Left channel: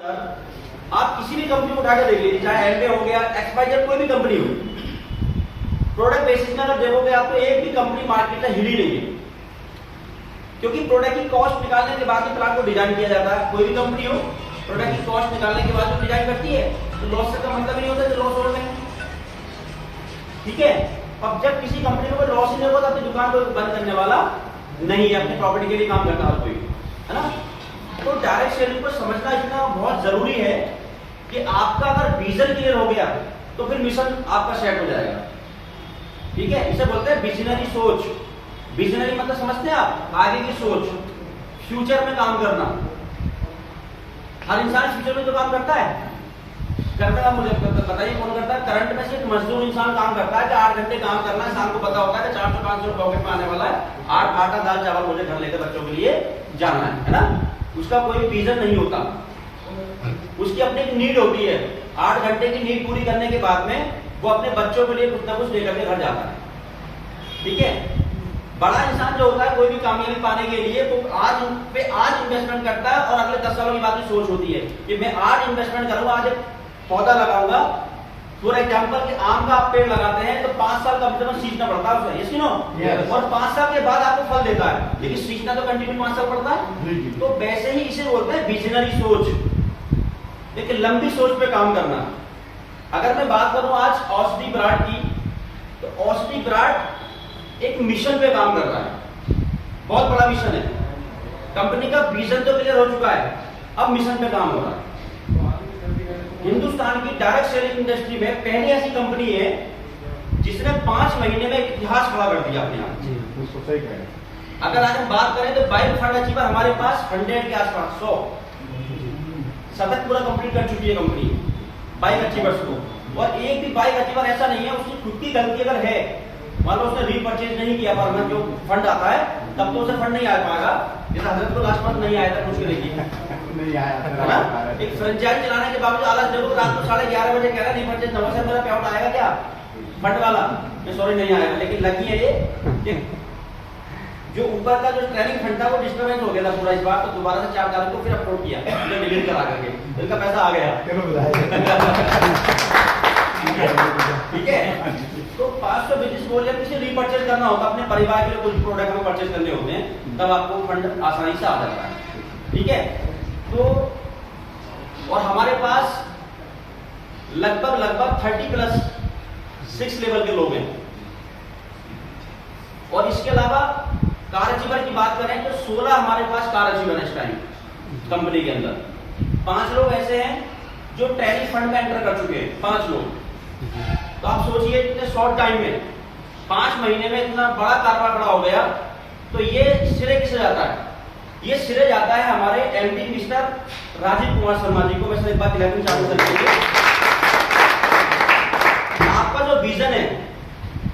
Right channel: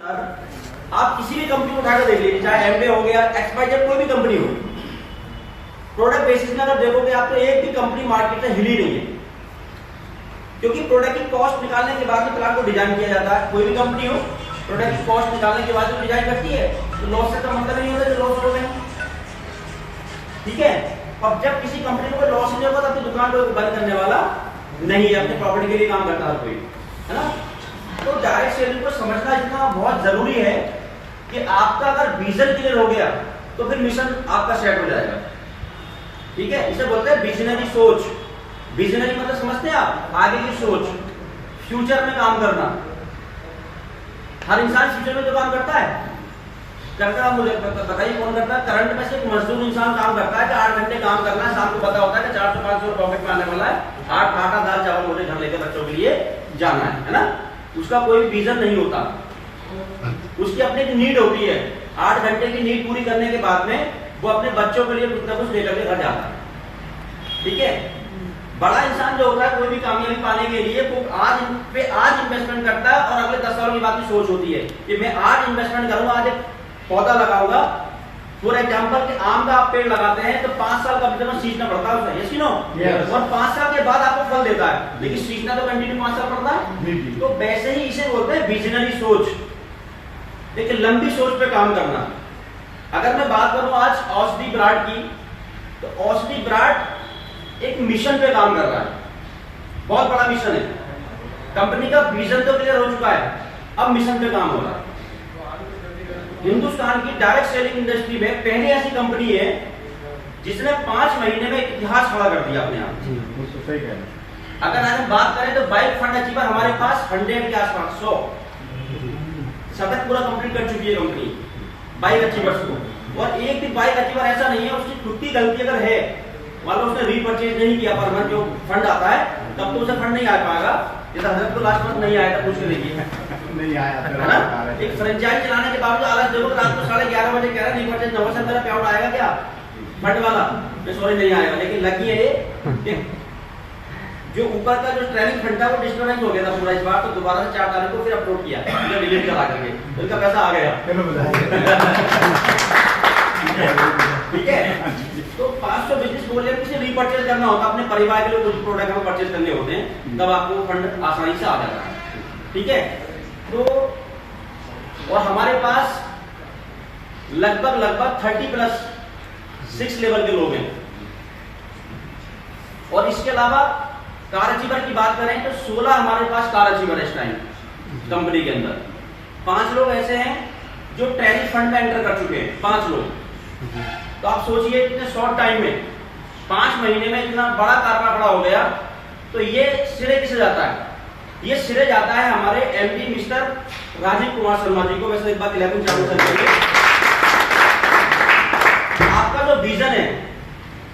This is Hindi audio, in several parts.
आप किसी भी कंपनी को उठाकर देख लीजिए, चाहे एमवे हो गया, एक्सवाईजेड, कोई भी कंपनी हो, प्रोडक्ट बेसिस में अगर देखोगे आपको एक भी कंपनी मार्केट में हिली नहीं है, क्योंकि प्रोडक्ट की कॉस्ट निकालने के बाद ही प्लांट को डिजाइन किया जाता है। कोई भी कंपनी हो, प्रोडक्ट की कॉस्ट निकालने के बाद जो डिजाइन करती है, तो लॉस का मतलब नहीं होता कि लॉस हो गए, ठीक है। अब जब किसी कंपनी को लॉस नहीं होगा, तब तो दुकान को बंद करने वाला नहीं है, अपने प्रॉपर्टी के लिए काम करता है कोई, है ना। तो डायरेक्ट सेलिंग को समझना इतना बहुत जरूरी है कि आपका अगर विजन क्लियर हो गया तो फिर मिशन आपका सेट हो जाएगा, ठीक है। इसे बोलते हैं विजनरी सोच। विजनरी मतलब समझते हैं आप, आगे की सोच, फ्यूचर में काम करना। हर इंसान फ्यूचर में तो काम करता है, मुझे बताइए कौन करता है। करंट में से एक मजदूर इंसान काम करता है कि 8 घंटे काम करना है, शाम को पता होता है कि 400-500 प्रॉफिट में आने वाला है, 8 आटा दाल चावल मुझे घर लेकर बच्चों के लिए जाना है ना। उसका कोई विजन नहीं होता, उसकी अपनी एक नीड होती है। 8 घंटे की नीड पूरी करने के बाद में वो अपने बच्चों के लिए कुछ ना कुछ लेकर के घर जाता है, ठीक है। बड़ा इंसान जो होता है कोई भी कामयाबी पाने के लिए वो आज इन्वेस्टमेंट करता है, और अगले 10 सालों की बात की सोच होती है कि मैं आज इन्वेस्टमेंट करूंगा, आज एक पौधा लगाऊंगा। फॉर एग्जाम्पल कि आम का आप पेड़ लगाते हैं तो 5 साल कम से कम सींचना पड़ता है उसे, यस नो, और 5 साल के बाद आपको फल देता है, लेकिन सींचना तो कंटिन्यू 5 साल पड़ता है। तो वैसे ही इसे बोलते हैं विजनरी सोच, एक लंबी सोच पे काम करना। अगर मैं बात करूं आज औषधि ब्रांड की, तो औषधि ब्रांड एक मिशन पे काम कर रहा है, बहुत बड़ा मिशन है। कंपनी का विजन तो क्लियर हो चुका है, अब मिशन पे काम हो रहा है। हिंदुस्तान की डायरेक्ट सेलिंग इंडस्ट्री में पहली ऐसी कंपनी है जिसने 5 महीने में इतिहास खड़ा कर दिया अपने आप। जी, तो सही कह रहे हैं। अगर आज हम बात करें तो बाइक फंड अचीवर हमारे पास 100 के आसपास, 100 शतक पूरा कंप्लीट कर चुकी है कंपनी बाइक अचीवर्स को। और एक भी बाइक अचीवर ऐसा नहीं है उसकी खुद की गलती अगर है, मान लो उसने रीपरचेज नहीं किया, पर मंथ जो फंड आता है तब तो उसे फंड नहीं आ पाएगा। जैसा हजरत को लास्ट मंथ नहीं आया था, पूछ के देखिए, नहीं आया है ना। एक फ्रेंचाइज चलाने के बावजूद आलस जरूर रात को 11:30 बजे कह रहा है रीपरचेज 9 से मेरा पे आउट आएगा क्या फंड वाला, मैं सॉरी नहीं आएगा। लेकिन लकी है ये जो ऊपर का जो ट्रेनिंग फंड था वो डिस्टर्बेंस हो गया था पूरा इस बार, तो दोबारा से 4 तारीख को फिर अपलोड किया, डिलीट करा करके, इनका पैसा आ गया, ठीक है। तो 500 बिजनेस बोल किसी रीपरचेज करना होता है अपने परिवार के लिए, कुछ प्रोडक्ट में परचेज करने होते हैं, तब आपको फंड आसानी से आ जाता है, ठीक है। तो और हमारे पास लगभग 30+6 लेवल के लोग हैं। और इसके अलावा कार अचीवर की बात करें तो 16 हमारे पास कार अचीवर है इस टाइम कंपनी के अंदर। 5 लोग ऐसे हैं जो ट्रेनिंग फंड में एंटर कर चुके हैं, 5 लोग। तो आप सोचिए इतने शॉर्ट टाइम में 5 महीने में इतना बड़ा कारभार खड़ा हो गया। तो ये श्रेय किसे जाता है? ये श्रेय जाता है हमारे एमडी मिस्टर राजीव कुमार शर्मा जी को। वैसे एक बात 11 चालू करिए, आपका जो विजन है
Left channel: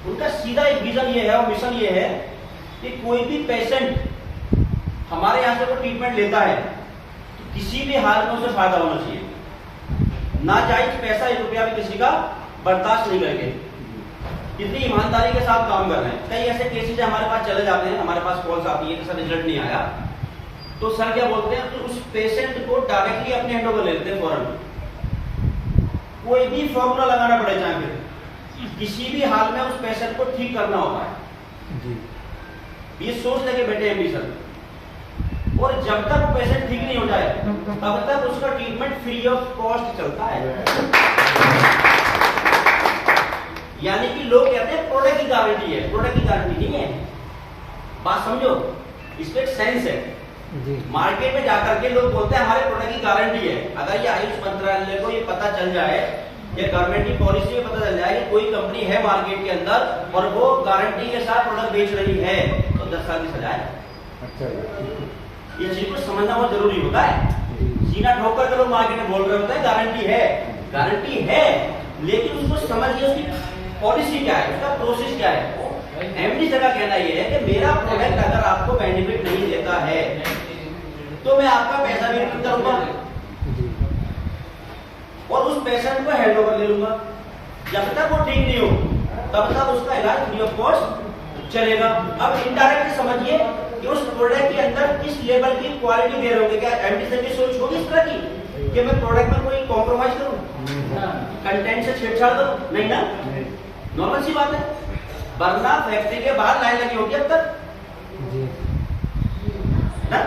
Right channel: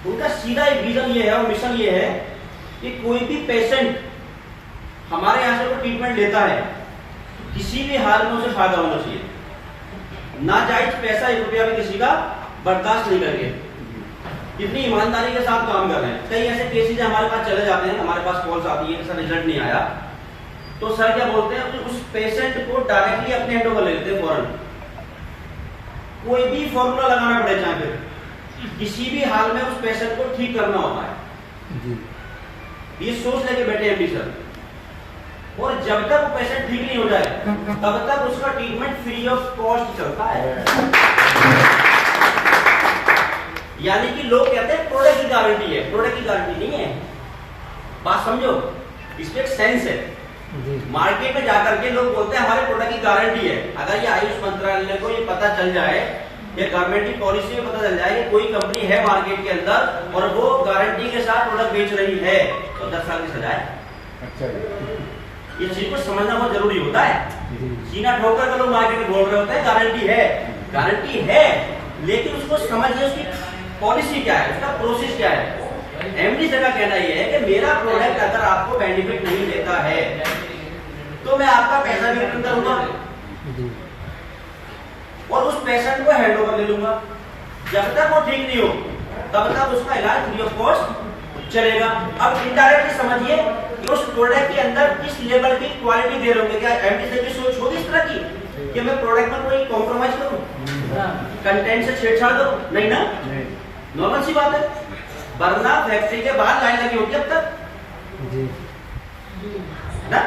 उनका सीधा एक विजन ये है और मिशन ये है कि कोई भी पेशेंट हमारे यहाँ से कोई ट्रीटमेंट लेता है तो किसी भी हाल में उसे फायदा होना चाहिए। नाजायज पैसा 1 रुपया भी किसी का बर्दाश्त नहीं करके कितनी ईमानदारी के साथ काम कर रहे हैं। कई ऐसे केसेस हमारे पास चले जाते हैं, हमारे पास कॉल्स आती है जैसा रिजल्ट नहीं आया, तो सर क्या बोलते हैं कि उस पेशेंट को डायरेक्टली अपने हैंड ओवर ले लेते हैं फौरन। कोई भी फॉर्मूला लगाना पड़े, चाहे फिर किसी भी हाल में उस पेशेंट को ठीक करना होता है, ये सोच लेके बैठे एमडी सर। और जब तक वो पेशेंट ठीक नहीं हो जाए तब तक उसका ट्रीटमेंट फ्री ऑफ कॉस्ट चलता है। यानी कि लोग कहते हैं प्रोडक्ट की गारंटी है, प्रोडक्ट की गारंटी नहीं है। बात समझो, इसमें एक सेंस है। मार्केट में जाकर के लोग बोलते हैं हमारे प्रोडक्ट की गारंटी है। अगर ये आयुष मंत्रालय को ये पता चल जाए, ये गवर्नमेंट की पॉलिसी में पता चल जाए कि कोई कंपनी है मार्केट के अंदर और वो गारंटी के साथ प्रोडक्ट बेच रही है, तो 10 साल की सजा है। अच्छा, ये चीज को समझना बहुत जरूरी होता है। सीना ठोक कर लोग मार्केट में बोल रहे होते हैं गारंटी है, लेकिन उसको समझिए उसकी पॉलिसी क्या है, उसका प्रोसेस क्या है। एमडी सर का कहना यह है कि मेरा प्रोडक्ट अगर आपको बेनिफिट नहीं देता है तो मैं आपका पैसा भी रिटर्न करूंगा और उस पेशेंट को हैंड ओवर ले लूंगा। जब तक वो ठीक नहीं हो तब तक उसका इलाज फ्री ऑफ कॉस्ट चलेगा। अब इनडायरेक्टली समझिए कि उस प्रोडक्ट के अंदर किस लेवल की क्वालिटी दे रहे होंगे। क्या एमडी सर की सोच होगी इस तरह की? कि मैं प्रोडक्ट में कोई कॉम्प्रोमाइज करूं, कंटेंट से छेड़छाड़ करूं? नहीं ना, नहीं। नॉर्मल सी बात है। वरना फैक्ट्री के बाहर लाइन लगी होती है अब तक ना,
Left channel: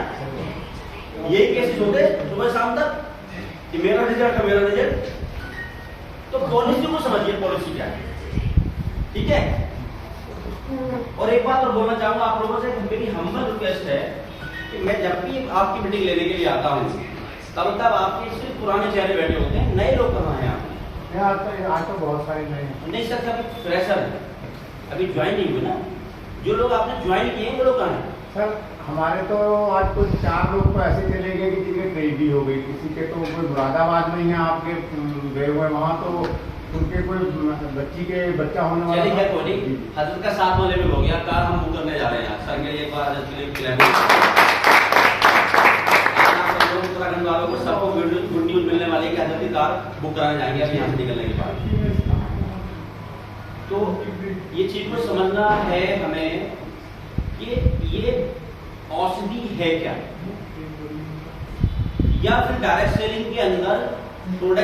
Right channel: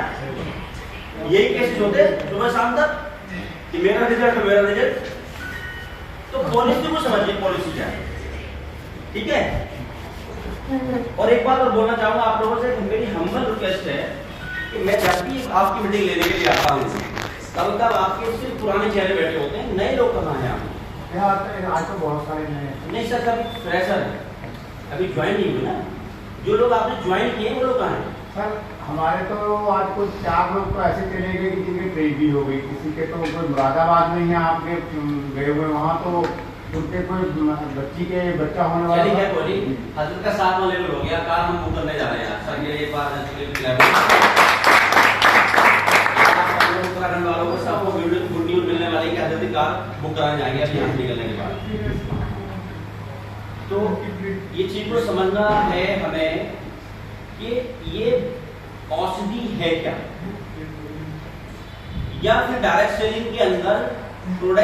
यही केसेस होते सुबह शाम तक कि मेरा रिजल्ट है, मेरा रिजल्ट। तो पॉलिसी को समझिए, पॉलिसी क्या है, ठीक है। और एक बात और बोलना चाहूंगा आप लोगों से, मेरी हम्बल रिक्वेस्ट है कि मैं जब भी आपकी मीटिंग लेने के लिए आता हूँ तब आपके सिर्फ पुराने चेहरे बैठे होते हैं, नए लोग कहाँ हैं आप? आज तो बहुत सारे नए हैं। नहीं सर, कभी फ्रेशर है, अभी ज्वाइन नहीं हुई ना। जो लोग आपने ज्वाइन किए वो लोग कहाँ हैं? सर हमारे तो आज कुछ 4 लोग तो ऐसे चले गए कि जिनकी ट्रेन भी हो गई, किसी के तो कोई मुरादाबाद में ही आपके गए हुए, वहाँ तो उनके कोई बच्चा होने वाला। चलिए क्या कोई हजरत का 7वां लेवल हो गया, कार हम बुक करने जा रहे हैं सर। मेरे एक बार उत्तराखंड वालों को सबको गुड न्यूज मिलने वाली है कि हजरत कार बुक कराने जाएंगे अभी यहाँ से निकलने के बाद। तो ये चीज को समझना है हमें कि ये औषधि है क्या, या फिर डायरेक्ट सेलिंग के अंदर प्रोडक्ट